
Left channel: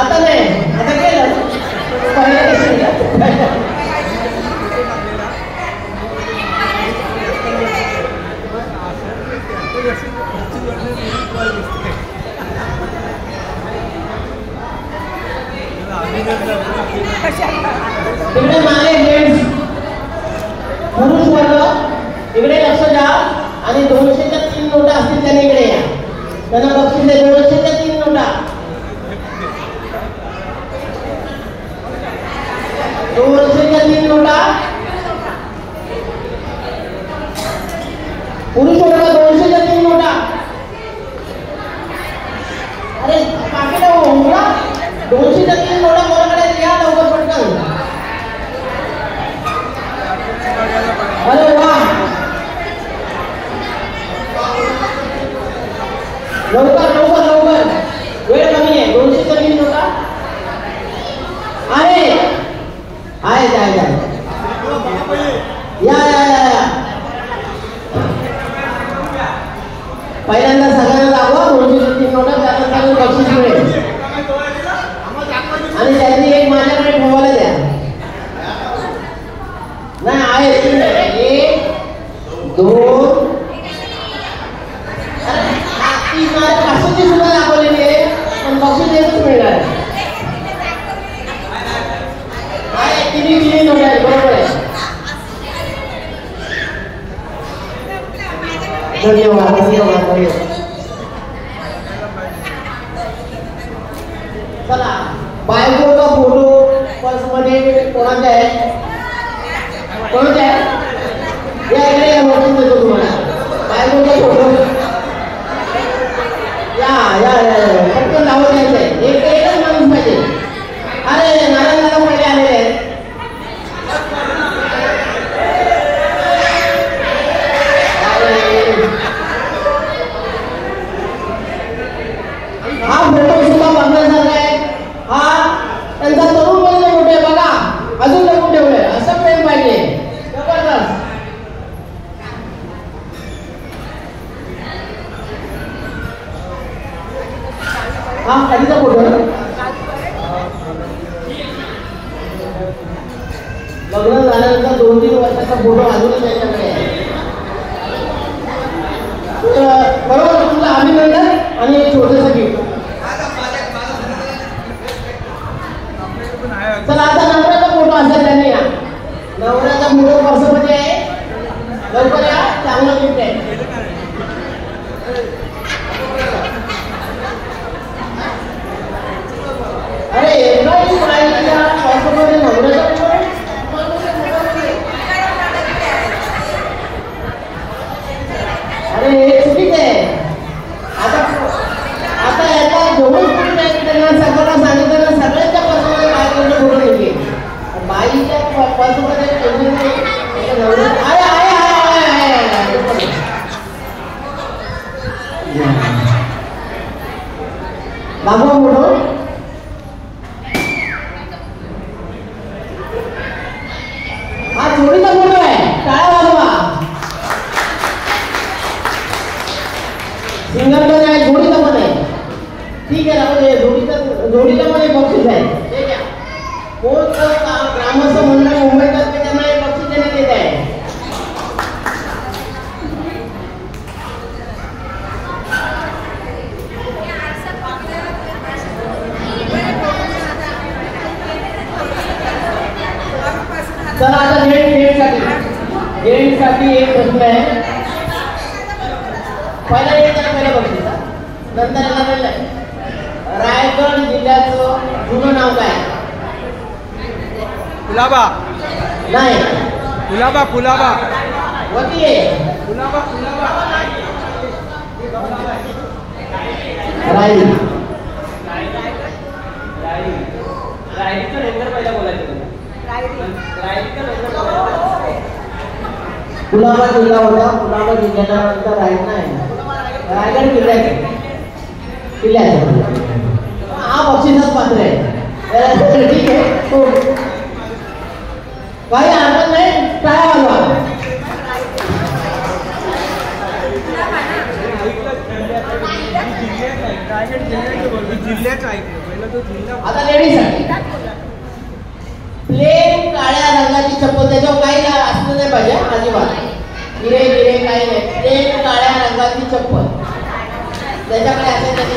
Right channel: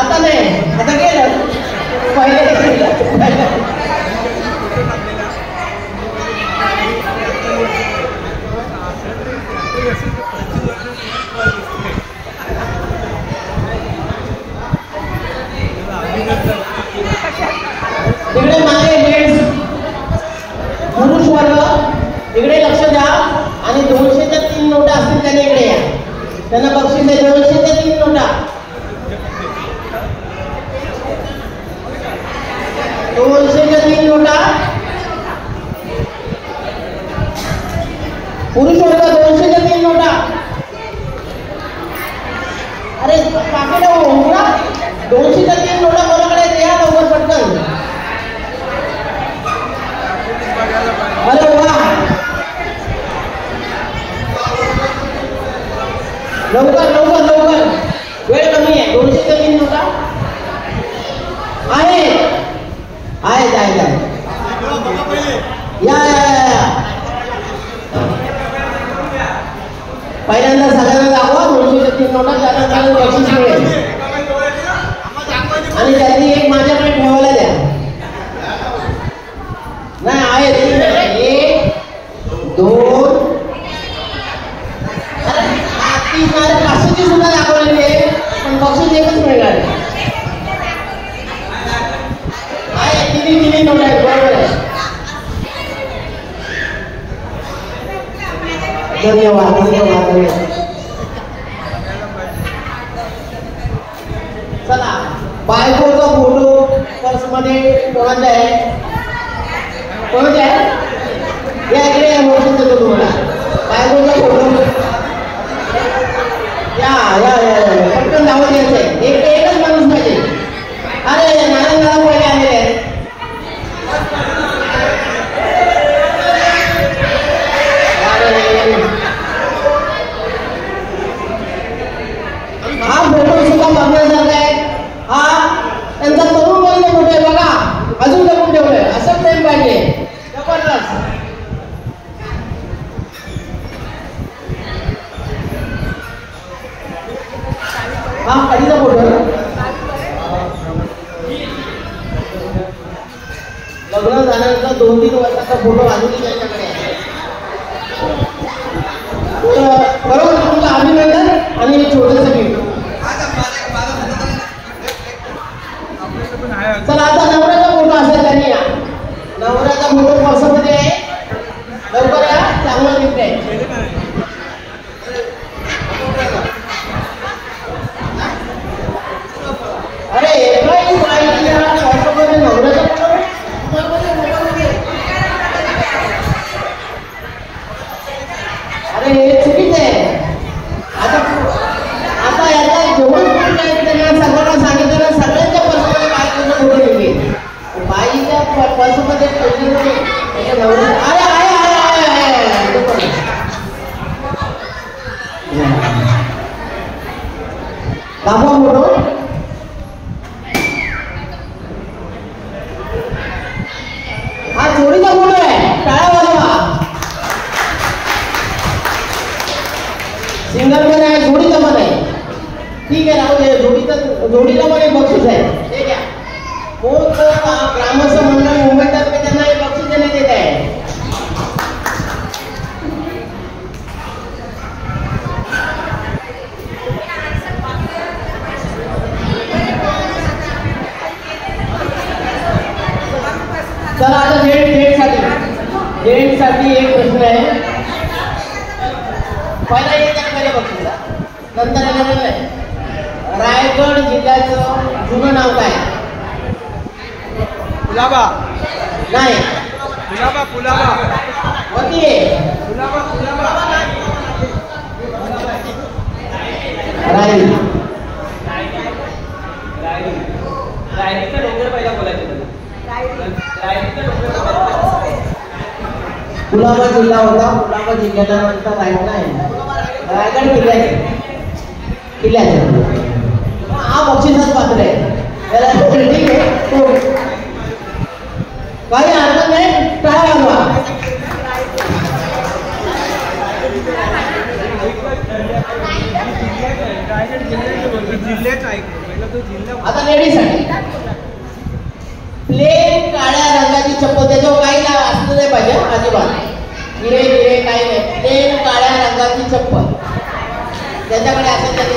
आता नाही. आता केलं इकडे मागे जेंट्स पुरुष वर्ग इकडे लक्ष द्या. आणि 200च्या 3 नोटा असतील त्यांनी इकडे या. त्यांना बक्षीस आहे. 200च्या 3 नोटा. 200च्या 3 नोटा. पुरुष वर्ग 200च्या 3 नोटा. अरे पाकिट मोठा. 200च्या 3 नोटा कोणाकडे या लवकर पटकन. अरे वा. लवकर लवकर लवकर. वेळ कमी आहे. 200च्या 3 नोटा आहे. या पहिल्यांदा सगळ्यांना दाखवा. 200च्या 3 नोटा. त्यानंतर बक्षीस मिळेल. आणि त्यांनी एक माझ्याकडे ठेवायला द्या. नाही आहे. 1 2 3 500ची सुद्धा दाखवलेली आहे. पण बक्षीस एकच मिळणार आहे. तिन्ही नोट आहेत. बरोबर आहे. धन्यवाद धन्यवाद. चला बायकोचा फोटो पर्समध्ये कोणाचा आहे? कोणाचा आहे? या इकडे या. वरती देतो तुम्हाला बायकोचा फोटो. या या या. लवकर या, चांगलं गिफ्ट आहे. अरे अरे चुकीच आहे. आता याला जेवढं त्यांना सर्वांना सांगितलं ना, सगळ्यांच्या पर्समध्ये काय करणं थोडं योग्य. बाईच्या पर्समध्ये दाखवा फोटो. हा जोडीचा फोटो आहे, टाळ्या वाजवा. सिंगल पण आहे, जोडीचा पण आहे. ठीक आहे, राहू दे. जोडीला पण एक बक्षीस आहे, ते घ्या. कोण ग्रामस्थ मंडळ मुंबईतर्फे त्यांना एक बक्षीस देण्यात येत आहे. चला आता डेटसाठी एक प्रश्न आहे. पहिला एक त्याला बघितलं, नंतर आलेलं आहे. रायगड जिल्ह्याचं जुनं नाव काय? कुलाबा नाही, कुलाबा वती आहे. रायगड कुलाबा जिल्हा होता. कुलाबा जिल्ह्यानंतर रायगड नाही, रायगड किल्ल्याचे हा बक्षीसच पात्र आहे. ठीक आहे, काही हरकत नाही. काय वाजवा. आता लेडीजसाठी प्लेन काळ्या रंगाची चप्पल, त्याच्यावर काही असलं नाही पाहिजे अजिबात. हिरे काही नाही, प्लेन काळ्या रंगाची चप्पल. त्याच्याकडे असेल तरी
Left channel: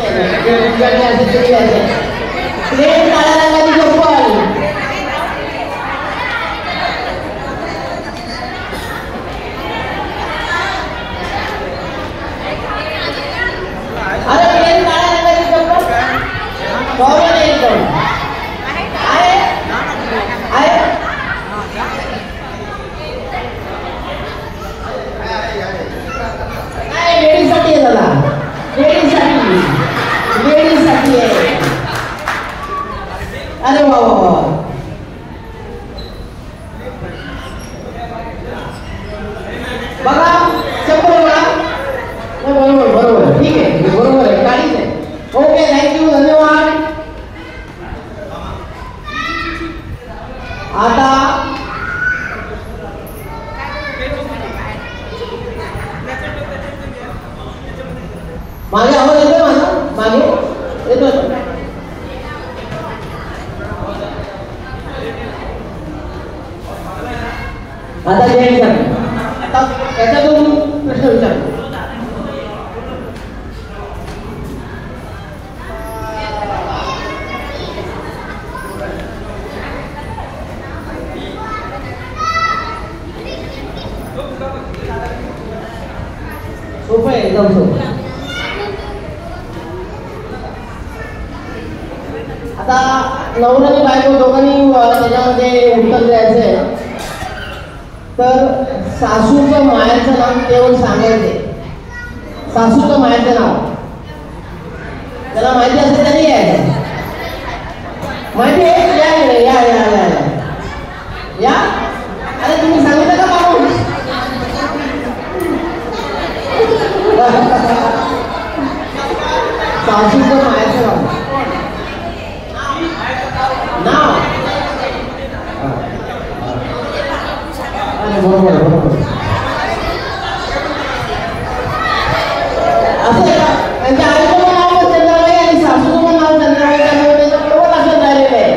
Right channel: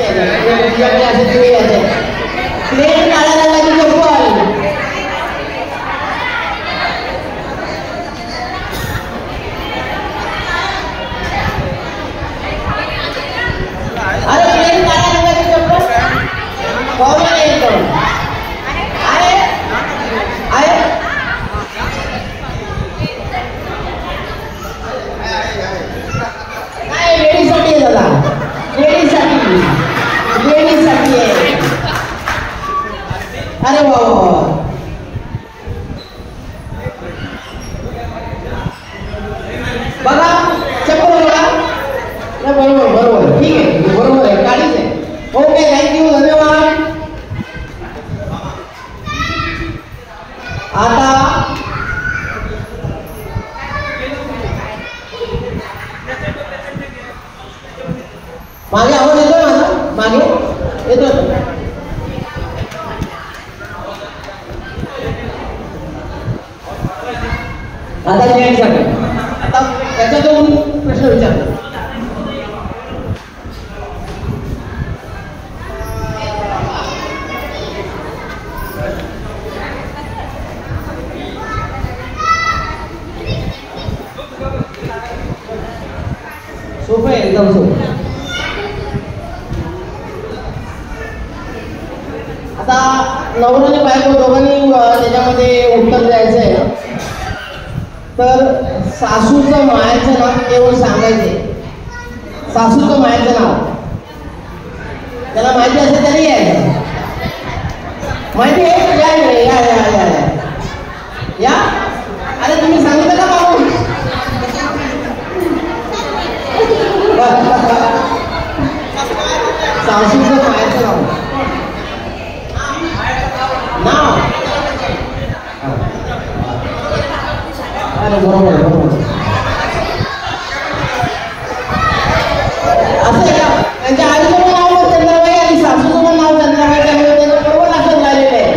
प्लेन काळ्या रंगाची चप्पल. अरे प्लेन काळ्या रंगाची चप्पल बरोबर आहे. लेडीजसाठी आहे दादा, लेडीजसाठी आहे. अरे वा बघा चप्पल बघा. बरोबर ठीक आहे, बरोबर आहे, गाडीच आहे. ओके, थँक्यू, धन्यवाद. आता मागे आवाज येतो माझा, मागे येतो. आता त्याच्यातून प्रश्न विचार. सोपं आहे, एकदम सोपं. आता नवऱ्याने बायको दोघांनी त्याच्यामध्ये उत्तर द्यायचं आहे. तर सासूचं मायाचं नाव केवळ सांगायचे. सासूचं मायाचं नाव त्याला माहिती असेल तरी आहे. माहिती आहे या. अरे तुम्ही सांगितलं का बाबू? सासूचं मायाचं नाव. अरे बरोबर असं आहे. त्यांच्या आईचं नाव चंद्रबाई आणि सासूचं नाव चंद्रबाई, त्यामुळे त्याचं बरोबर असं झालेलं आहे.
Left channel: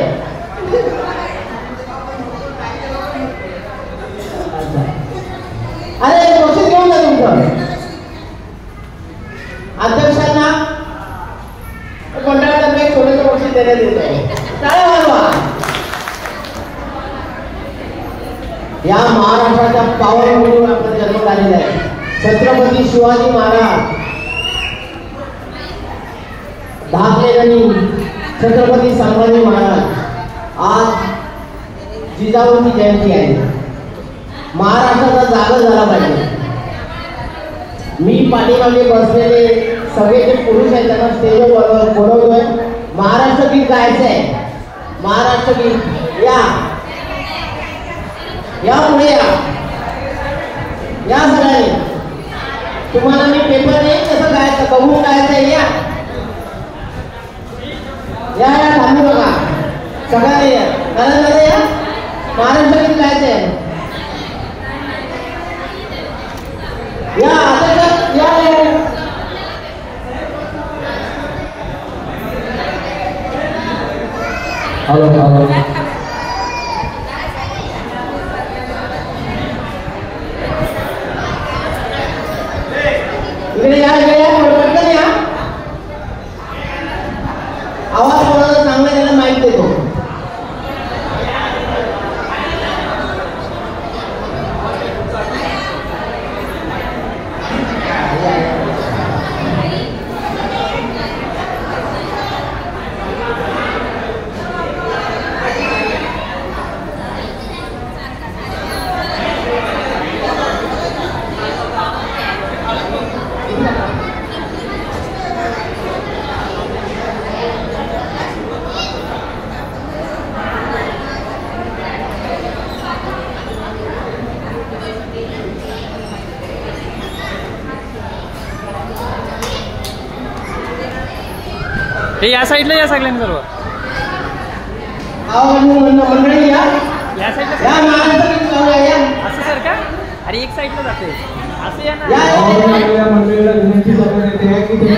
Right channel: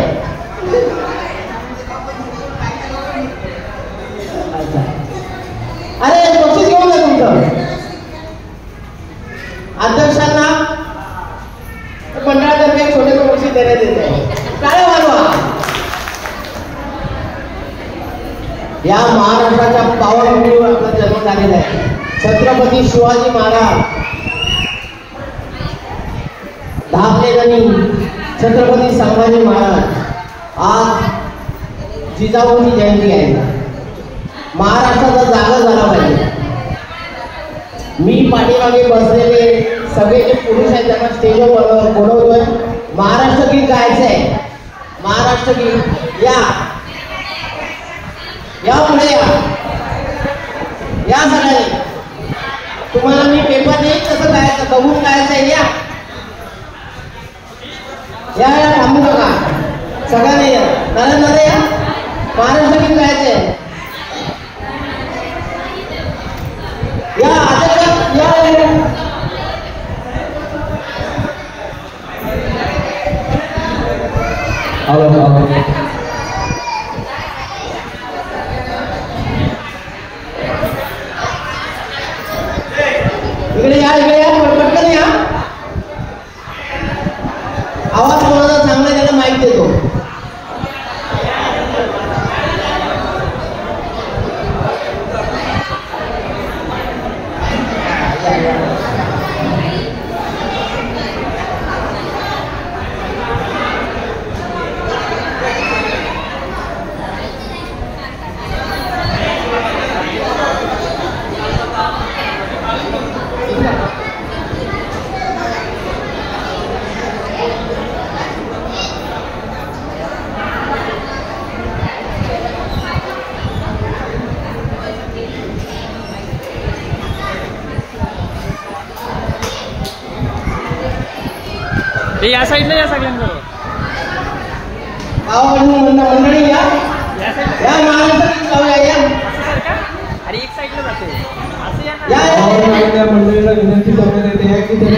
छत्रपती शिवाजी महाराज धावलेले छत्रपती संभाजी महाराज आज जिजाऊंची जयंती आहे. महाराष्ट्राचा जागा झाला पाहिजे. मी पाठीमागे बसलेले सगळे जे पुरुष आहेत त्यांना स्टेजवर बोलवतोय. महाराष्ट्र गीत गायचं आहे. महाराष्ट्र गीत या पुढे या सगळ्यांनी. तुम्हाला मी पेपर देईन कसं गायचं बघून गायचं आहे. या थांबू बघा सगळ्यांनी या नंतर या महाराष्ट्र गीत गायचं आहे. या पटकन या. आवाज कोणाला चांगला त्याला माहित देतो. या साईडला या सगळ्यांबरोबर मंडळी या अरे एक साईडला जाते. मंडळीला विनंती करण्यात येते की तुम्ही